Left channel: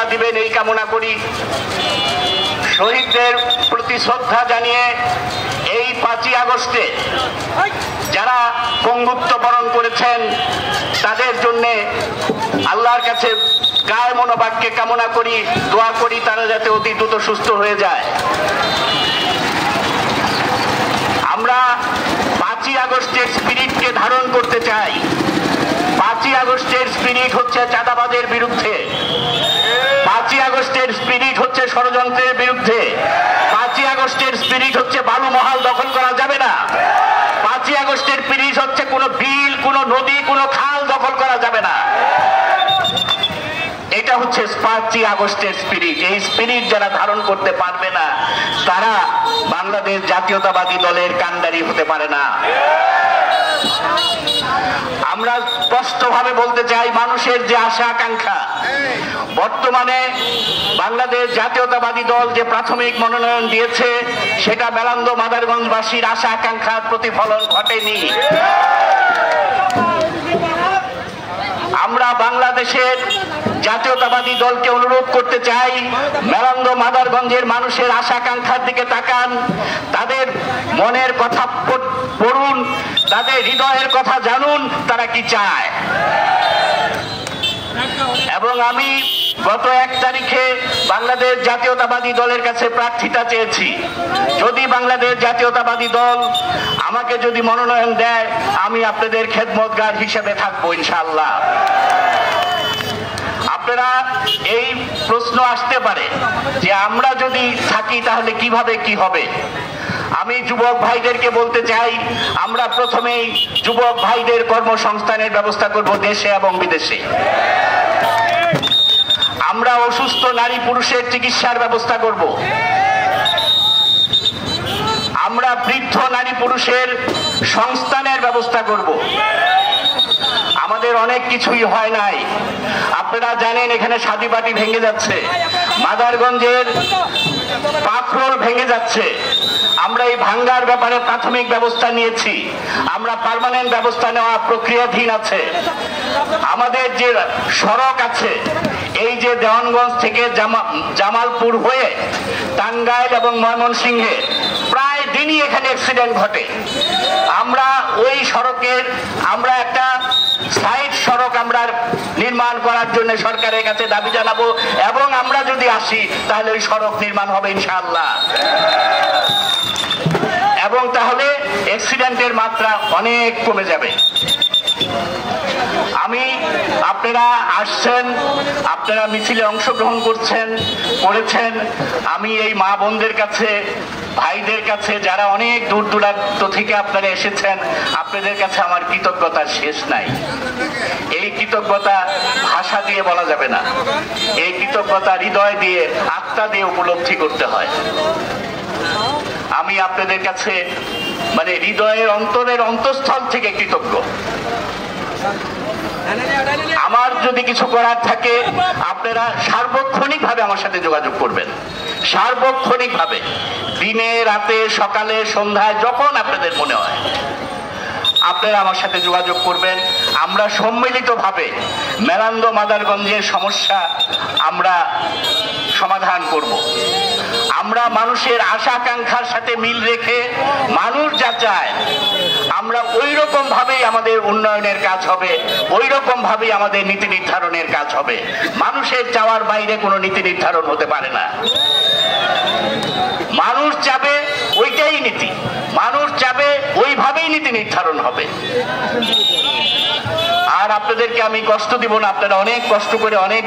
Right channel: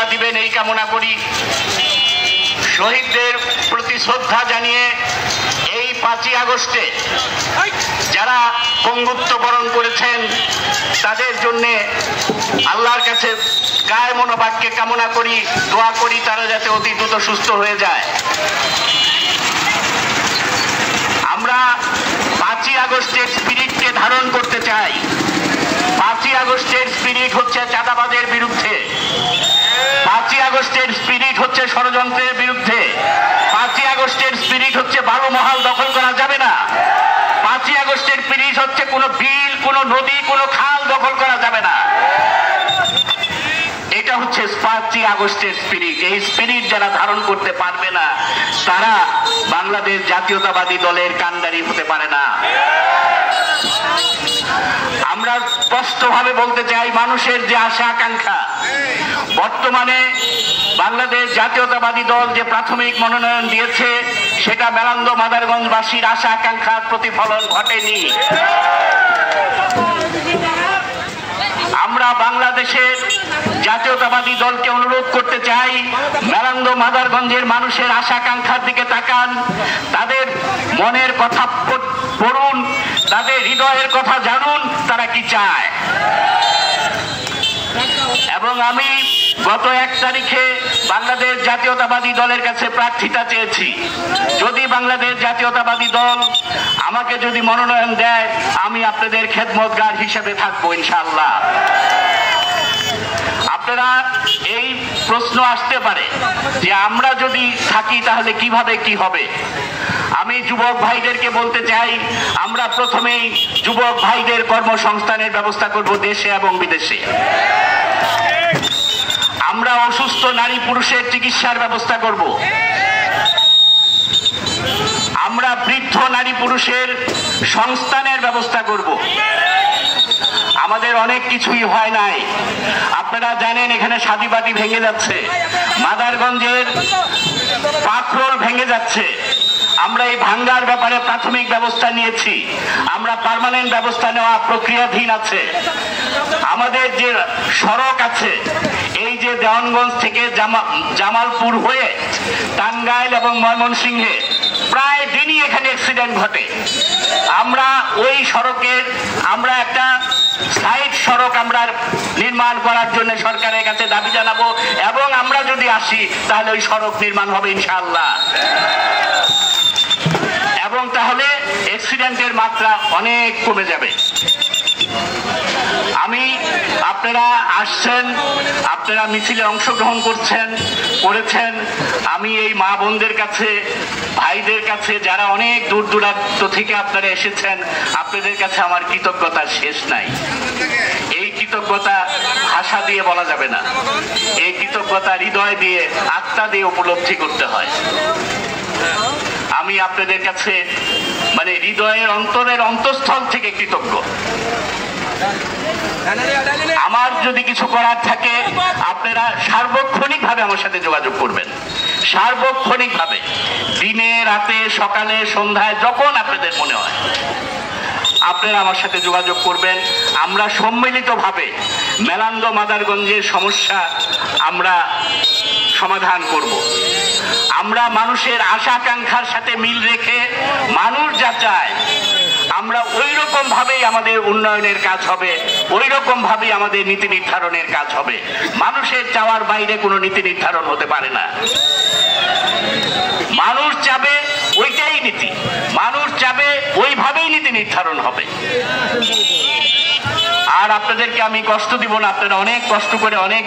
মালা দিবেন এই কামনা করি। শহীদদের প্রতি শ্রদ্ধা জানিয়ে এই 5ই আগস্টে যারা পঙ্গুত্ব বরণ করেছেন তাদের জন্য আল্লাহর কাছে কায় মনোবাক্যে কামনা করি, দোয়া করি তারা যাতে অতি দ্রুত সুস্থ হয়ে যায়। আমরা 5ই আগস্টের স্পিরিটকে ধারণ করতে চাই। 5ই আগস্টের স্পিরিট হচ্ছে চাঁদাবাজের বিরুদ্ধে, 5ই আগস্টের স্পিরিট হচ্ছে ষড়যন্ত্রের বিরুদ্ধে, 5ই আগস্টের স্পিরিট হচ্ছে বালু মহাল দখল করা যাবে না, 5ই আগস্টের স্পিরিট হচ্ছে কোনো বিল, কোনো নদী, কোনো খাল দখল করা যাবে না। এটা হচ্ছে 5ই আগস্টের স্পিরিট। এই স্পিরিট যারা ধারণ করতে পারবে না তারা বাংলাদেশ জাতীয়তাবাদী দলের কান্ডারি হতে পারে না। আমরা স্পষ্টভাবে বলতে চাই, মানুষের যে আশা আকাঙ্ক্ষা, বর্তমানে বাংলাদেশ জাতীয়তাবাদী দল যে প্রাথমিক মনোনয়ন দিয়েছে সেটা মেলান্দ মাদারগঞ্জবাসীর আশা আকাঙ্ক্ষার প্রতিফলন ঘটেনি। আমরা বাংলাদেশের জাতীয়তাবাদী দলকে অনুরোধ করতে চাই, মেলান্দ মাদারগঞ্জের মানুষের আশা আকাঙ্ক্ষার দিকে তাকান, তাদের মনের কথা পড়ুন, তাদের হৃদয়ের কথা জানুন, তারা কি চায়। এবং আমি গত 1 তারিখে বাংলাদেশ জাতীয়তাবাদী দলের কাছে প্রার্থিতা চেয়েছি। যদি বাংলাদেশ জাতীয়তাবাদী দল আমাকে যদি মনোনয়ন দেয় আমি আপনাদের খেদমতগার হিসেবে থাকবো ইনশাআল্লাহ। আপনারা এই প্রশ্ন আসতে পারে যে আমরা যদি থাকি তাহলে কিভাবে কি হবে। আমি যুবক ভাইদেরকে বলতে চাই, আমরা প্রথমেই যুবক ভাইদের কর্মসংস্থানের ব্যবস্থা করব দেশে এবং বিদেশে। আমরা অসুস্থ নারী পুরুষের চিকিৎসার ব্যবস্থা করব। আমরা বৃদ্ধ নারী পুরুষের সংস্থানের ব্যবস্থা করব। আমাদের অনেক কিছুই হয় নাই। আপনারা জানেন এখানে শাদীবাদী ভেঙে যাচ্ছে, মাদারগঞ্জের পাথর ভেঙে যাচ্ছে। আমরা এই ভাঙ্গার ব্যাপারে প্রাথমিক ব্যবস্থা নিয়েছি, আমরা পার্মানেন্ট ব্যবস্থা নেওয়া প্রক্রিয়াধীন আছে। আমাদের যে সড়ক আছে, এই যে দেওয়ানগঞ্জ থেকে জামালপুর হয়ে টাঙ্গাইল এবং ময়মনসিংহে প্রায় দিনই এখানে অ্যাক্সিডেন্ট ঘটে। আমরা ওই সড়কের আমরা একটা সাইড সড়ক আমরা নির্মাণ করার জন্য সরকারের কাছে দাবি জানাবো, এবং আমরা যদি আসি তাহলে ওই সড়ক নির্মাণ হবে ইনশাআল্লাহ, এবং তাহলে অ্যাক্সিডেন্টের মাত্রা অনেক কমে যাবে। আপনারা আসছেন, আপনারা মিছিলে অংশগ্রহণ করেছেন। আমি এই মা বোনদের কাছে, ভাইদের কাছে, যারা অনেক দূর দূরান্ত থেকে আপনারা এসেছেন, আপনাদের কাছে আমার কৃতজ্ঞতার শেষ নাই। এই কৃতজ্ঞতা ভাষা দিয়ে বলা যাবে না, এই কৃতজ্ঞতা হৃদয় দিয়ে, আত্মা দিয়ে উপলব্ধি করতে হয়। আমি আপনাদের কাছে মানে হৃদয়ের অন্তরের অন্তঃস্থল থেকে কৃতজ্ঞ। আমার যদি কিছু করার থাকে আপনারা সার্বক্ষণিক ভাবে আমার সাথে যোগাযোগ করবেন, সার্বক্ষণিক ভাবে, দিনে রাতে সকালে সন্ধ্যায় যখন আপনাদের মনে হয় আপনারা আমার সাথে যোগাযোগ করবেন। আমরা সম্মিলিতভাবে মেলান্দ মাদারগঞ্জের সমস্যা আমরা সমাধান করব। আমরা মানুষের আশা আকাঙ্ক্ষার সাথে মিল রেখে মানুষ যা চায় আমরা ওই রকম ভাবেই আমাদের উন্নয়নের কাজ হবে, ওই রকম ভাবেই আমাদের নীতি নির্ধারণের কাজ হবে। মানুষের চাওয়ার বাইরে কোনো নীতি নির্ধারণ হতে পারে না। মানুষ চাবে ওইটাই নীতি, মানুষ চাবে ওইভাবেই নীতি নির্ধারণ হবে। আর আপনাদেরকে আমি কষ্ট দিব না, আপনারা অনেক কষ্ট করে অনেক